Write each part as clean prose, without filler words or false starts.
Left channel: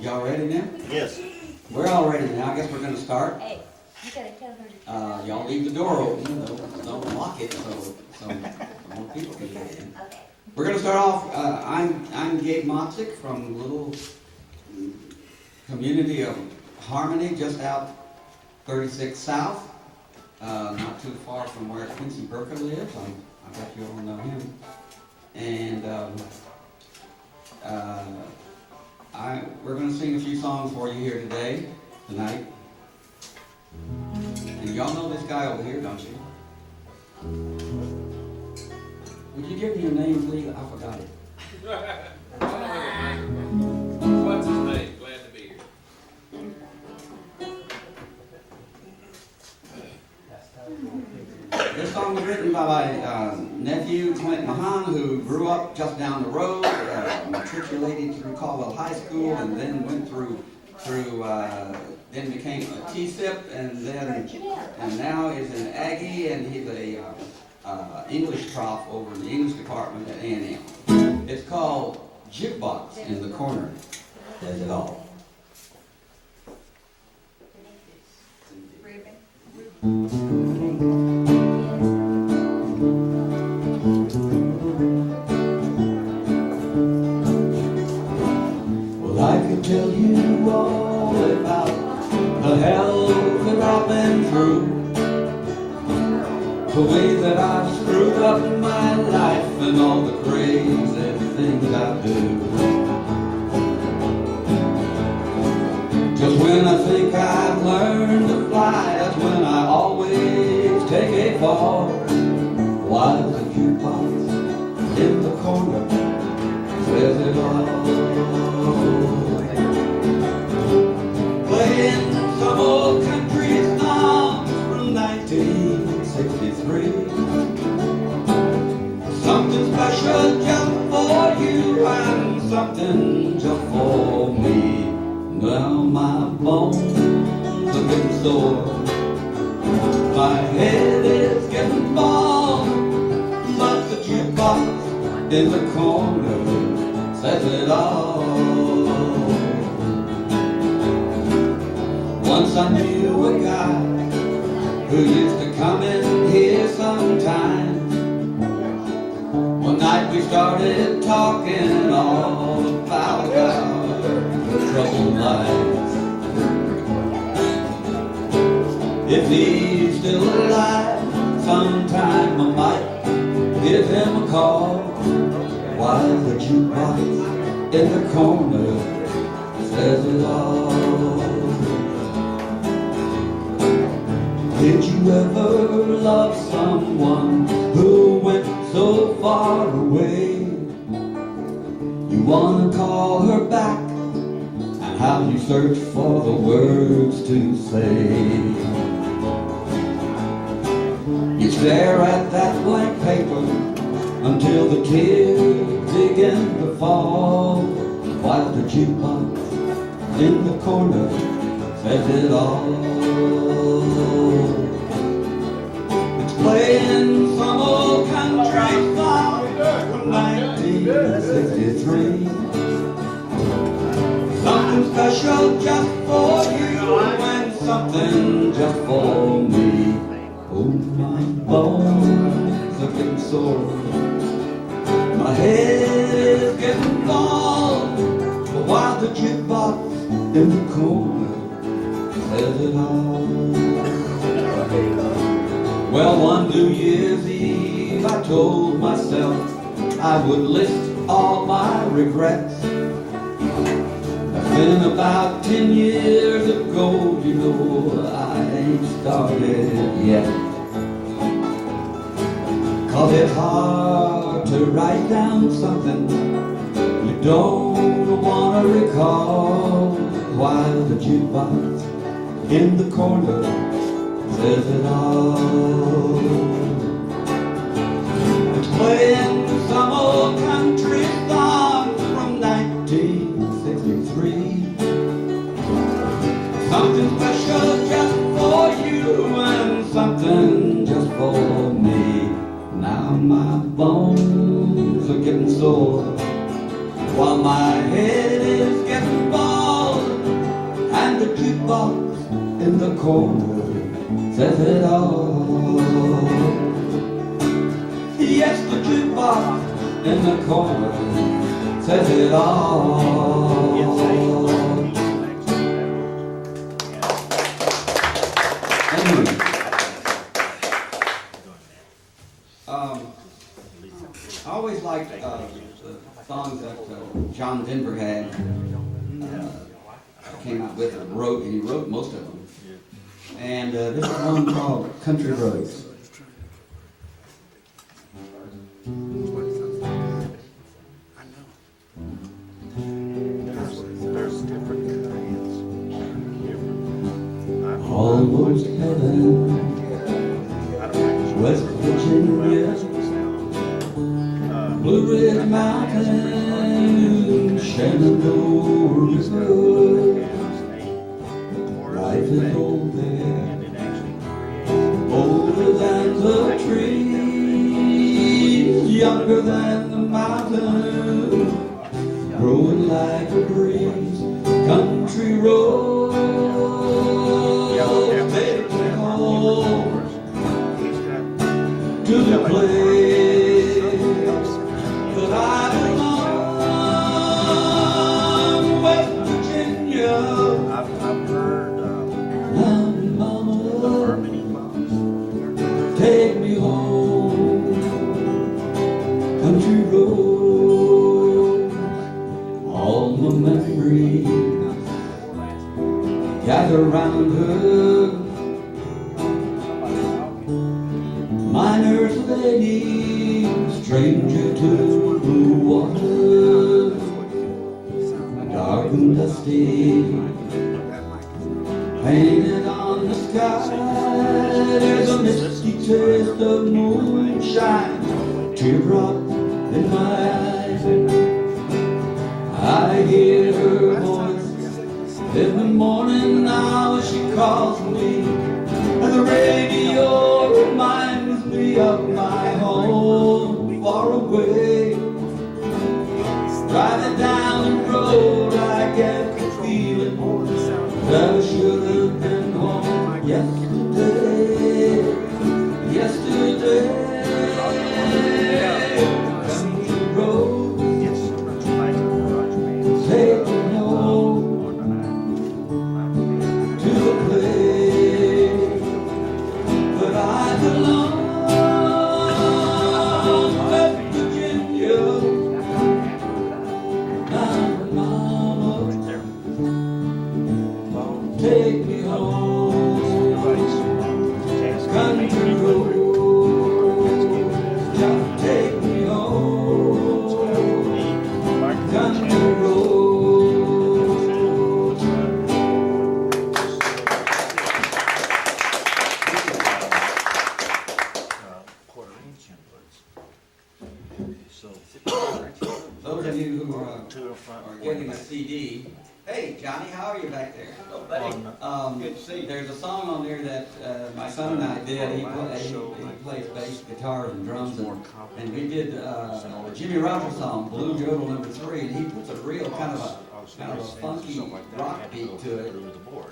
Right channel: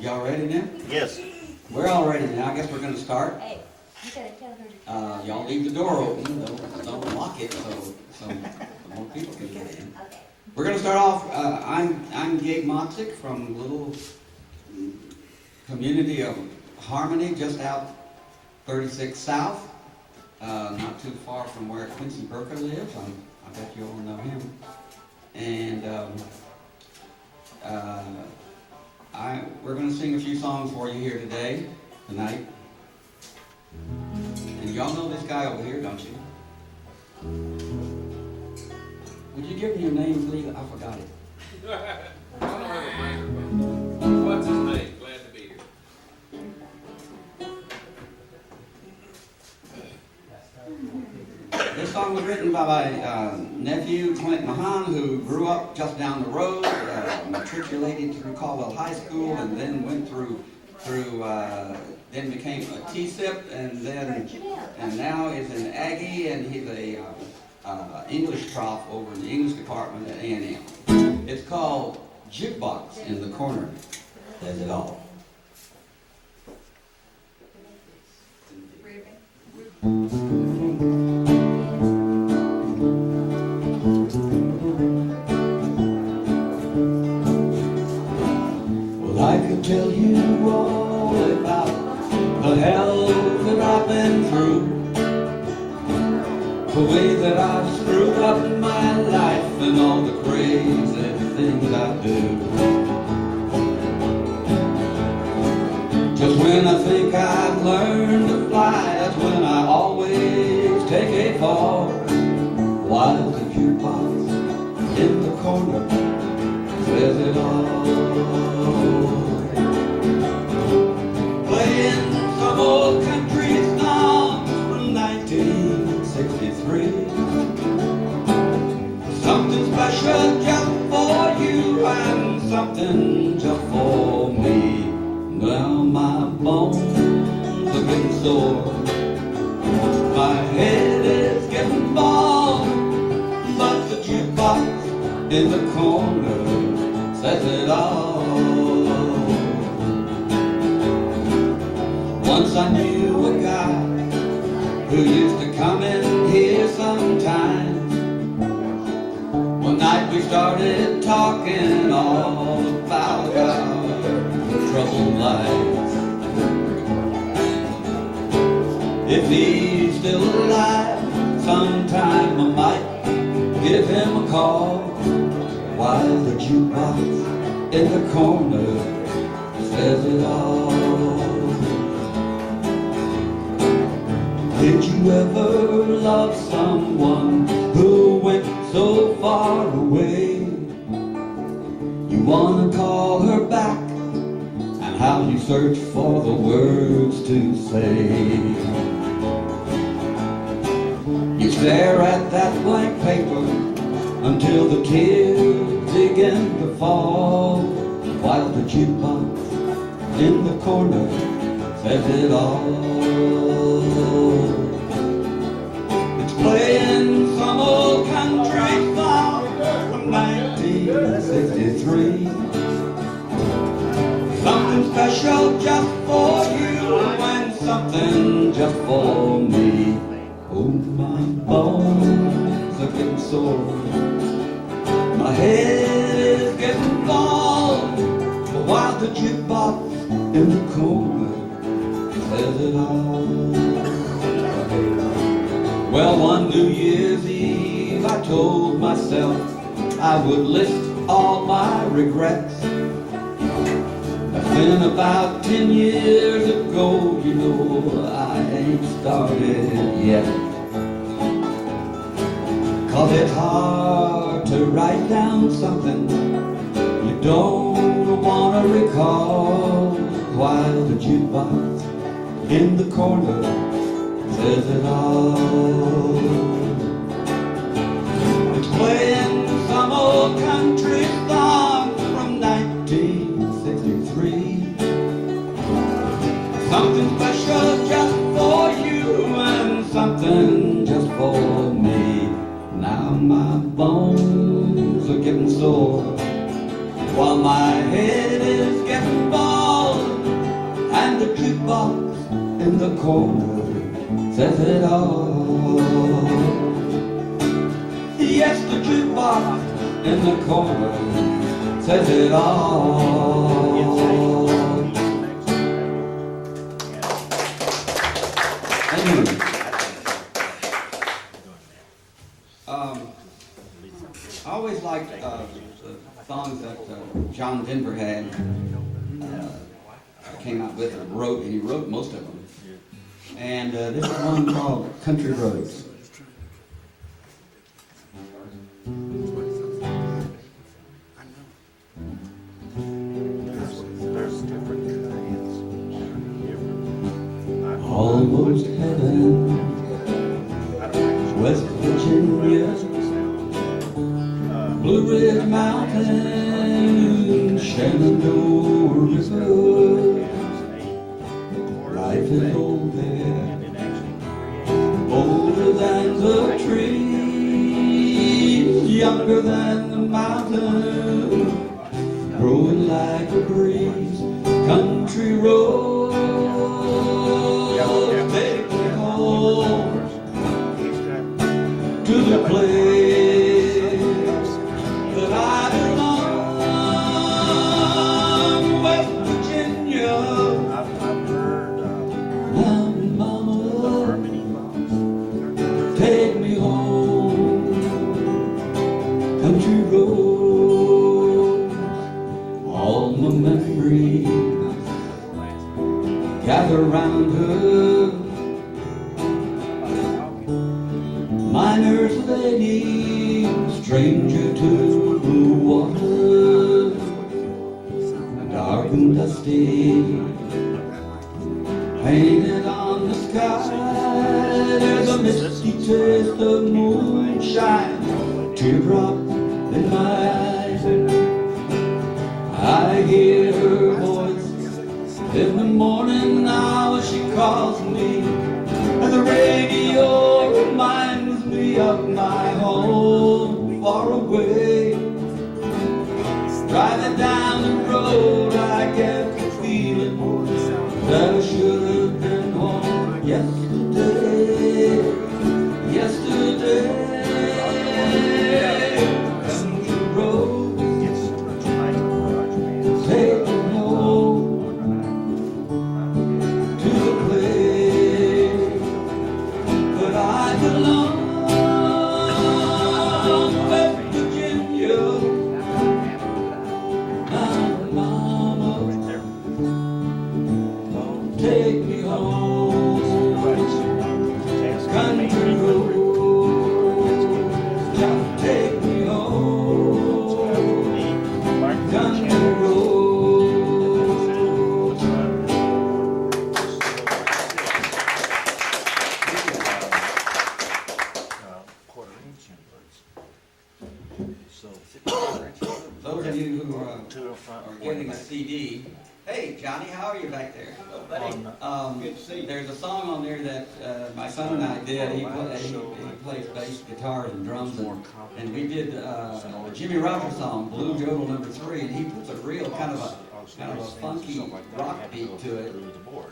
Y'all ready now? Yes. We're all ready now. I guess we're gonna start. Hey, you gotta tell her to. Y'all leave the door open, don't lock it so more people can get in. Okay. We're gonna start off, I'm Gabe Moxick from little community of Harmony, just out 36 South, not too far from where Quincy Burker lives. I bet you all know him. And we're going to sing a few songs for you here tonight. And y'all know this guy over here, don't you? Would you give me your name, please? I forgot it. What's his name? Glad to be here. This song was written by my nephew, Clint Mahan, who grew up just down the road, matriculated through Caldwell High School, and then went then became a T-SIP, and now is an Aggie, and he's a English prof over in the English department at A&M. It's called Jukebox in the Corner. Says it all. Well, I could tell you all about the hell that I've been through, the way that I've screwed up my life and all the crazy things I do. Just when I think I've learned to fly, that's when I always take a fall. While the jukebox in the corner says it all. Playing some old country songs from 1963. Something special just for you and something just for me. Well, my bones are getting sore, my head is getting bald, but the jukebox in the corner says it all. Once I knew a guy who used to come in here sometimes. One night we started talking all about our troubled lives. If he's still alive, sometime I might give him a call. While the jukebox in the corner says it all. Did you ever love someone who went so far away? You wanna call her back, and how you search for the words to say. You stare at that blank paper until the tears begin to fall, while the jukebox in the corner says it all. It's playing some old country song from 1963. Something special just for you and something just for me. Oh, my bones are getting sore, my head is getting bald, but while the jukebox in the corner says it all. Well, one New Year's Eve I told myself I would list all my regrets. That's been about 10 years ago, you know, I ain't started yet. 'Cause it's hard to write down something you don't want to recall, while the jukebox in the corner says it all. It's playing some old country song from 1963. Something special just for you and something just for me. Now my bones are getting sore, while my head is jukebox in the corner says it all. Yes, the jukebox in the corner says it all. Anyway, I always liked the songs that John Denver had came out with and wrote, and he wrote most of them. And this is one called Country Roads. Almost heaven, West Virginia, Blue Ridge Mountain, Shenandoah River. Life is old there, older than the trees, younger than the mountain, growing like a breeze. Country road, take me home to the place that I belong, West Virginia. Mountain mama, take me home. Country roads, all my memories gather round her. Miner's lady, stranger to blue water, dark and dusty, painted on the sky. There's a misty taste of moonshine, teardrop in my eyes. I hear her voice in the morning now as she calls me, and the radio reminds me of my home far away. Driving down the road, I get the feeling that I should have been home yesterday. Yesterday, country road, take me home to the place that I belong, West Virginia. Mountain mama, take me home, country road, just take me home, country road. Quarter inch inwards. So Those of you who to the front. are getting a CD, hey Johnny, how are you back there? Good to see you. There's a song on there that my son and I did. He plays bass, guitar, and drums, and we did a Jimmy Rogers song, Blue Jodel #3, and he puts a real kind of a funky rock beat to it,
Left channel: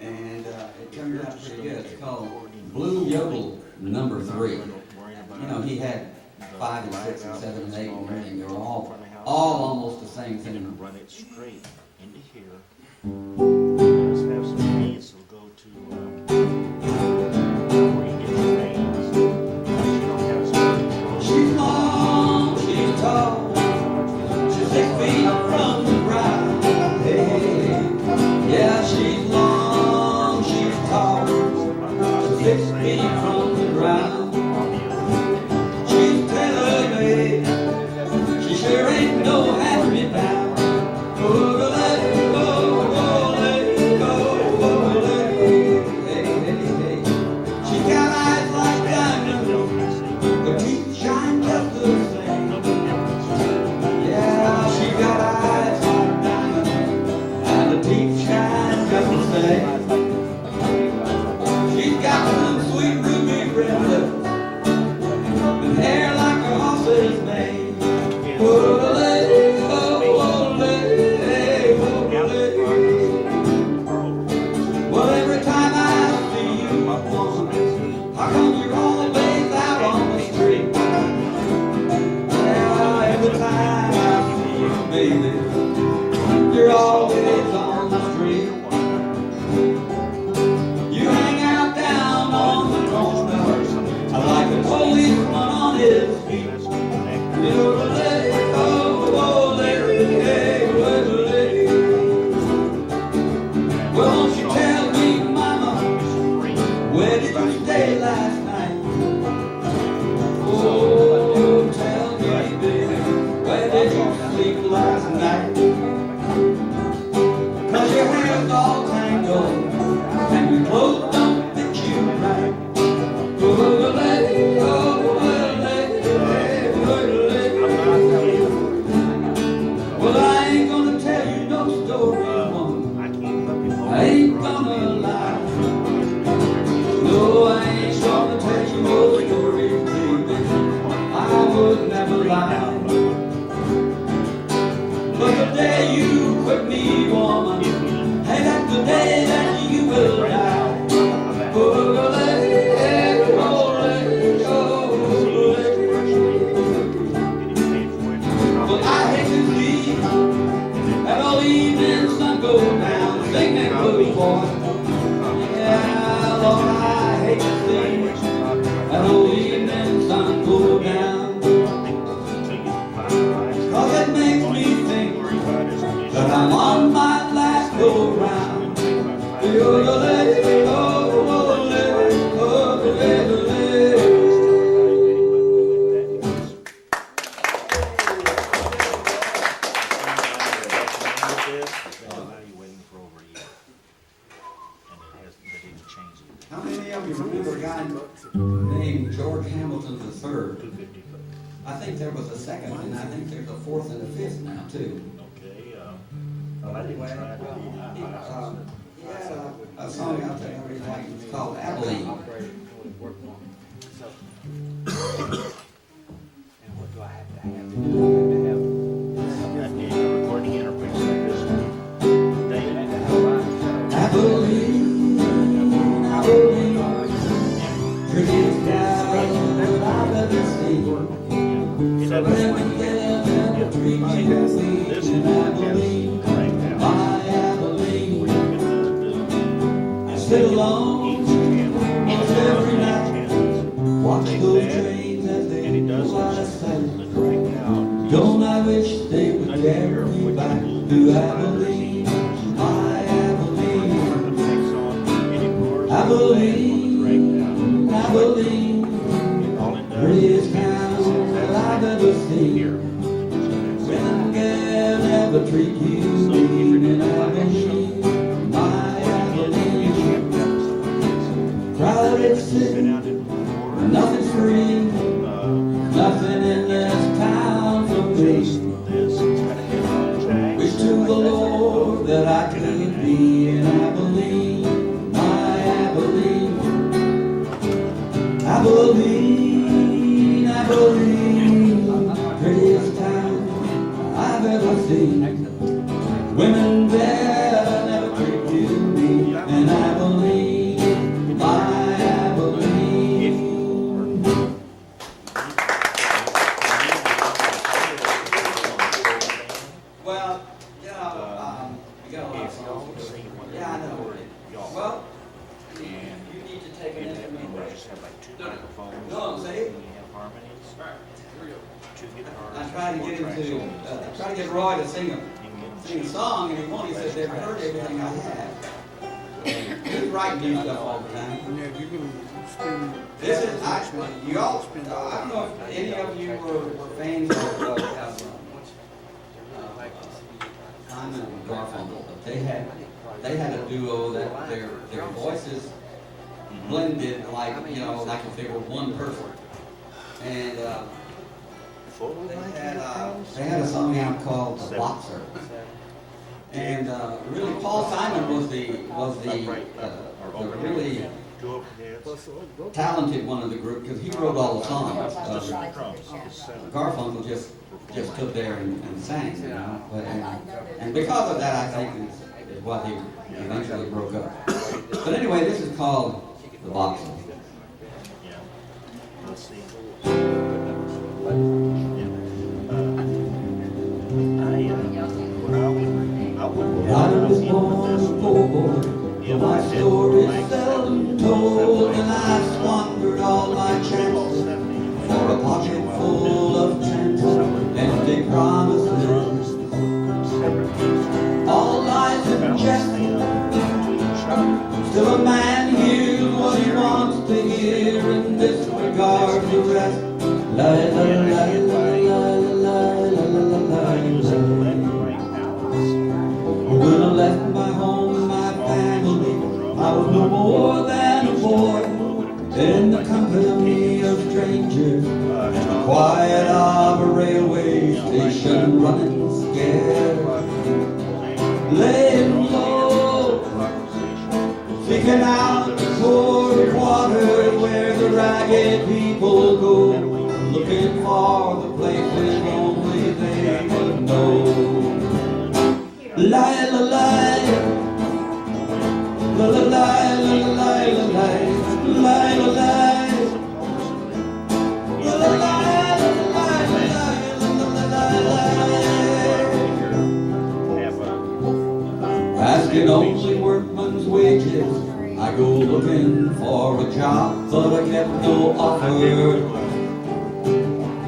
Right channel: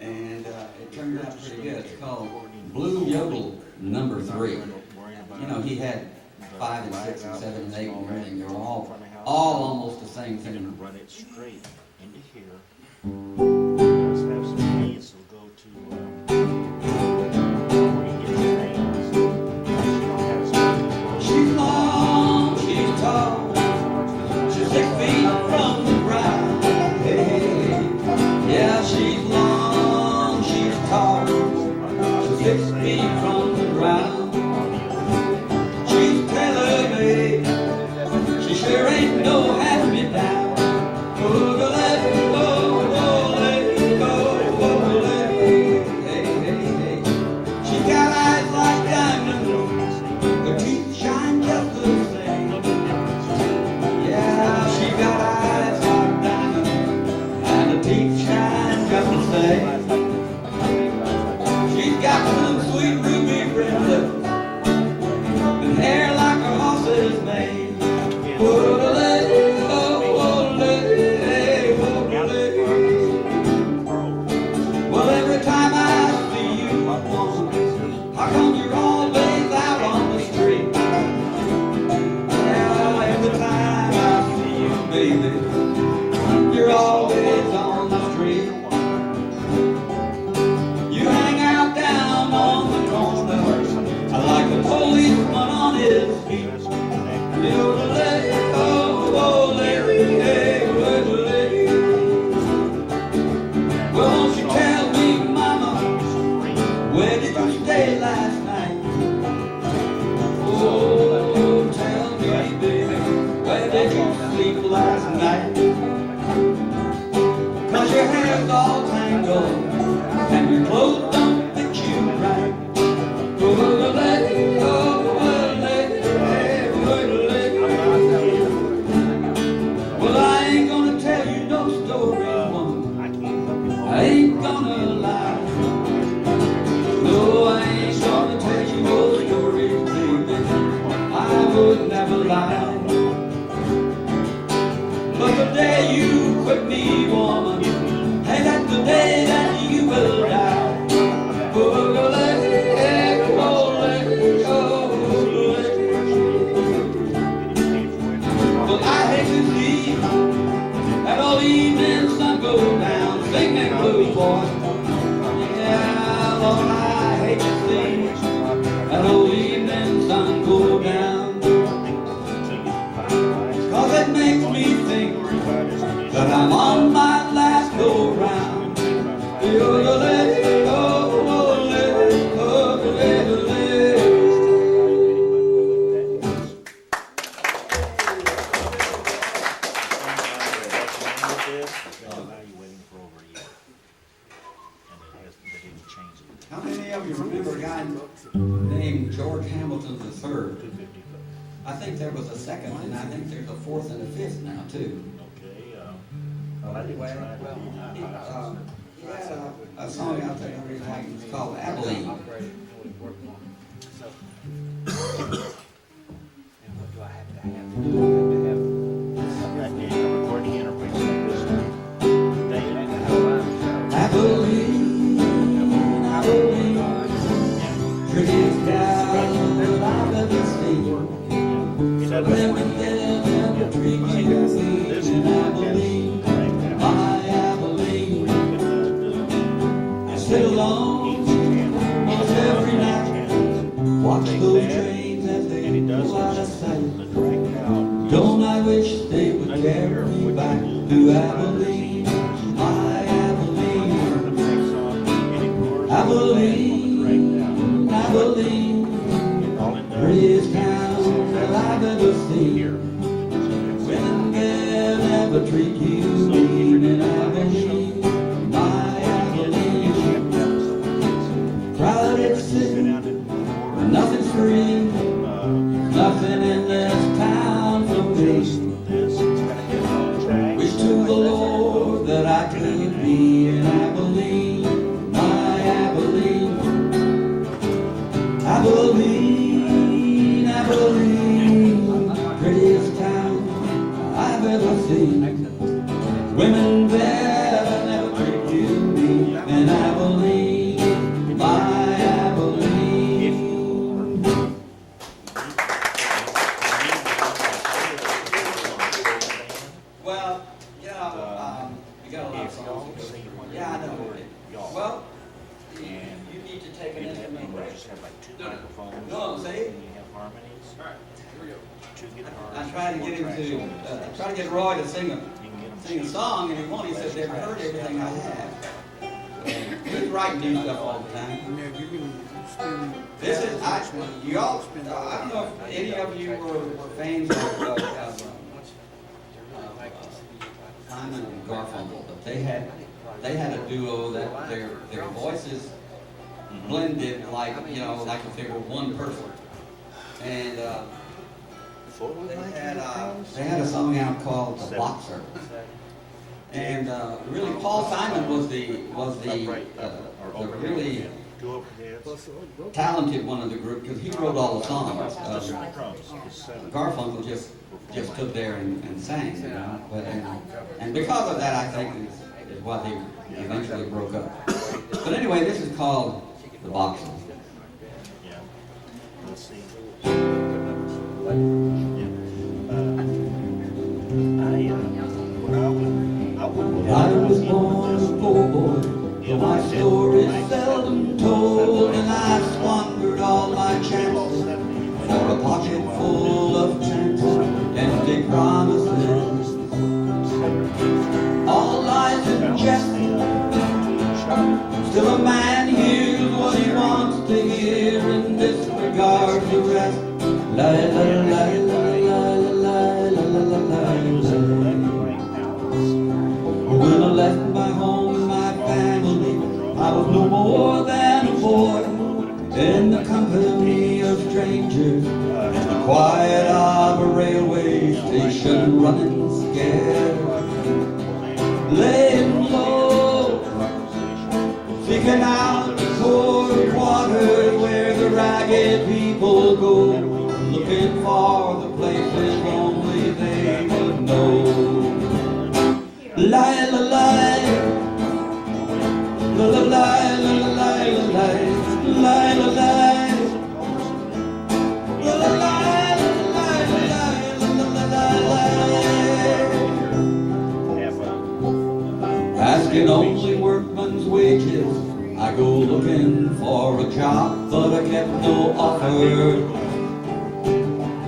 and it turned out pretty good. It's called Blue Yodel #3. You know, he had 5 and 6 and 7 and 8 and everything. They were all almost the same And thing. run it straight into here. Let's have some beats that'll go to where you get the veins. She don't have some. She's long, she's tall, she's 6 feet from the ground. Hey, yeah, she's long, she's tall, she's 6 feet from the ground. She's tailor-made, she sure ain't no hand-me-down. Oh, let it go, oh, let it go, oh, let it go. with me, woman. Hey, that's the day that you will die. Well, I hate to see that old evening sun go down. Sing that blues, boy. Yeah, Lord, I hate to see that old evening sun go down. 'Cause it makes me think that I'm on my last go round. How many of you remember a guy named George Hamilton III? I think there was a second, and I think there's a fourth and a fifth now too. Okay, Anyway, well, He had a song out there every night. It's called Abilene. and what do I have to have? recording interface like this. David, Abilene, Abilene, prettiest gal that I've ever seen. Women there never treat me as in Abilene, my Abilene. I sit alone almost every night, watch those trains as they go out of sight. Don't I wish they would carry me back to Abilene, my Abilene. Abilene, Abilene, prettiest town that I've ever seen. Women can never treat you mean in Abilene, my Abilene. Crowded city, nothing's free, nothing in this town for me. Wish to the Lord that I could be in Abilene, my Abilene. Abilene, Abilene, prettiest town I've ever seen. Women there never treat you mean in Abilene, my Abilene. Well, you know, we got a lot of songs. Yeah, I know. Well, you need to take an instrument break. just have like two microphones. No, see? And you have harmonies. Two guitars. I tried to get him to, try to get Roy to sing a song, and he won't. He said they've heard everything I have. He's writing new stuff all the time. This is, you all, I don't know if any of you were fans of Simon and Garfunkel, but they had a duo that their voices blended like, you know, like if they were one person. And they had a song out called The Boxer. And really, Paul Simon was the really talented one of the group because he wrote all the songs. Garfunkel just stood there and sang, you know. But, and because of that, I think is why they eventually broke up. But anyway, this is called The Boxer. Yeah. Let's see. I was born a poor boy, but my story's seldom told, and I squandered all my chances for a pocket full of chances, empty promises, all lies and jest. Still a man hears what he wants to hear and disregards the rest. La la la la la la la la la. When I left my home and my family, I was no more than a boy in the company of strangers, in the quiet of a railway station, running scared, laying low, seeking out the cold water where the ragged people go, looking for the places only they would know. lie, la, lie. La, la, lie, la, la, lie, la, lie. Lie, la, lie. La, la, lie, la, la, lie, la, lie, la, la, lie. Have a Asking only workman's wages, I go looking for a job, but I get no offer.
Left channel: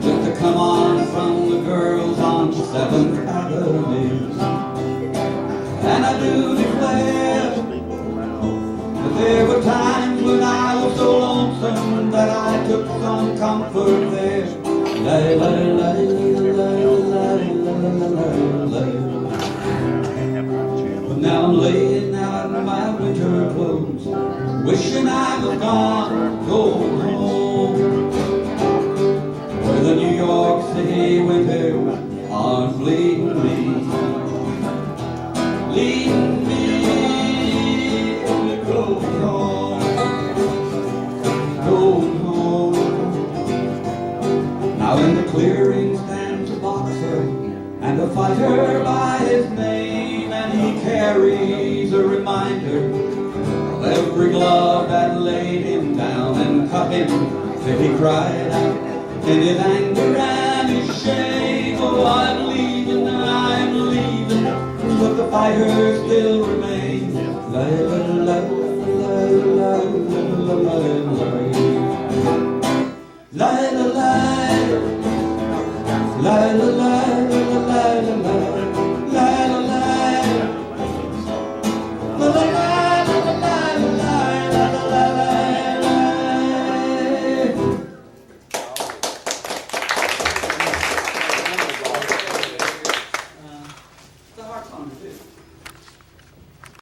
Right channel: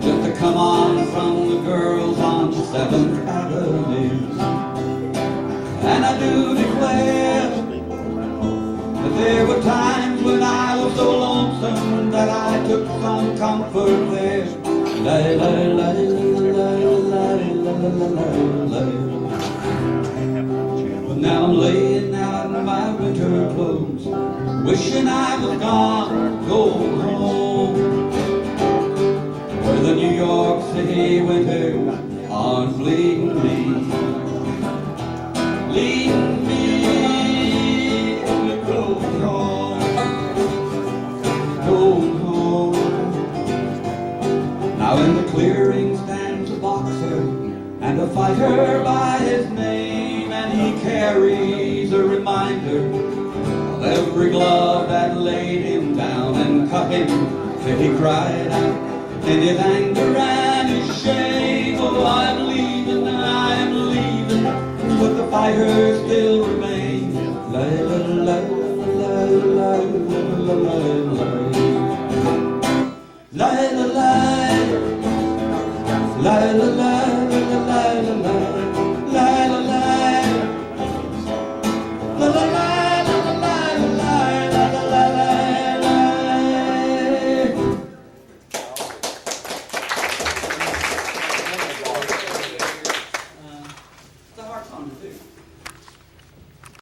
Just to come on from the girls on 7th Avenue. And I do declare that there were times when I was so lonesome that I took some comfort there. Lay, lay, lay, lay, lay, lay, lay, lay. But now I'm laying out in my winter clothes, wishing I was gone, go home, where the New York City winter arms bleeding me, leading me to go home, go home. Now in the clearing stands a boxer and a fighter by his name, and he carries a reminder of every glove that laid him down and cut him till he cried out in his anger and his shame. Oh, I'm leaving, but the fighter still remains. Lay, lay, lay, lay, lay, lay, lay, lay, lay, lay, lay, lay, lay.